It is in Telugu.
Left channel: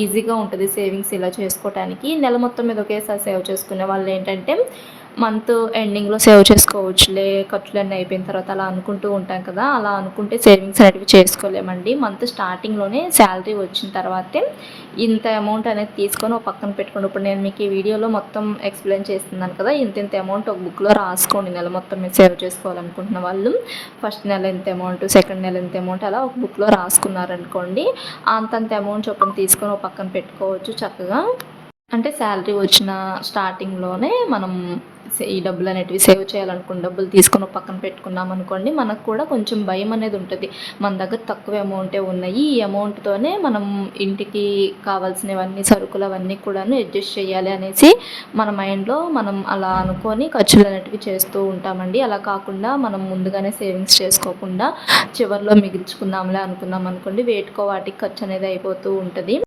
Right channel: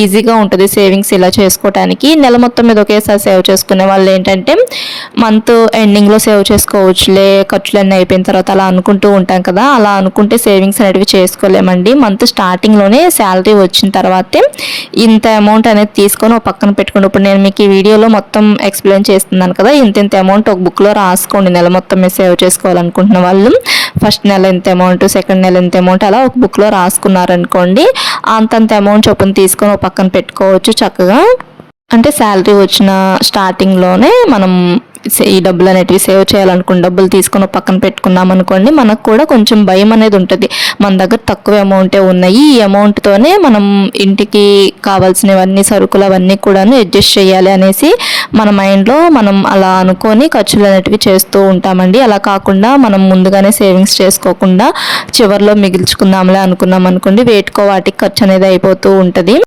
ఈజీగా ఉంటుంది సేవింగ్స్ ఇలా చేసుకోవడానికి. నెల మొత్తం మీద ఒకేసారి సేవ్ చేసుకునే వాళ్ళు ఏంటంటే మంత్ ఎండింగ్లో సేవ్ చేసుకోవచ్చులే, ఖర్చులన్నీ అయిపోయిన తర్వాత అలా అనుకుంటూ ఉంటాం కదా. అలా అనుకుంటే సేవింగ్స్ అనేటివి చేసుకోలేమండి. మంత్ స్టార్టింగ్లోనే శాలరీ వచ్చిన తర్వాతే ఇంత అమౌంట్ అనేది తీసుకొని ఒక పక్కన పెట్టుకోండి. ఇప్పుడు నేను మీకు ఈ వీడియోలో మొత్తం ఎక్స్ప్లెయిన్ చేస్తున్నాను కదా, ఇంత అమౌంట్ ఒక బుక్లో రాసుకోండి. నెల మొత్తం మీద సేవ్ చేసుకోవాలనుకుంటున్న వాళ్ళు ఫస్ట్ నెల ఎంత అమౌంట్, సెకండ్ నెల ఎంత అమౌంట్ అలా ఒక బుక్లో రాసుకున్నారనుకోండి, అంతంత అమౌంట్ చొప్పున తీసుకొని ఒక పక్కన పెట్టుకోవచ్చు చక్కగా. అంటే శాలరీ వచ్చిన స్టార్టింగ్లోనే మనం ఈ డబ్బులు అనేటివి సేవ్ చేయాలనుకున్న డబ్బులు తీసుకొని పక్కన పెట్టుకున్నాం అనుకోండి, మనకు కూడా కొంచెం భయం అనేది ఉంటుంది. మన దగ్గర తక్కువ అమౌంటే ఉన్నాయి, ఈ అమౌంట్తోనే మనం ఇంటికి కావాల్సినవన్నీ సరుకులు అవన్నీ కూడాను అడ్జస్ట్ చేయాలి అనేసి మన మైండ్లో మనం అలా అనుకొని ఖర్చులు అనేటివి చేస్తూ ఉంటామండి. అలా కాకుండా మనం ముందుగానే సేవింగ్స్ చేసుకోకుండా చివరిలో మిగిల్చుకుందాంలే అనుకున్నాం అనుకోండి, వేటికో వాటికి ఖర్చు అనేది అయిపోతూ ఉంటుంది.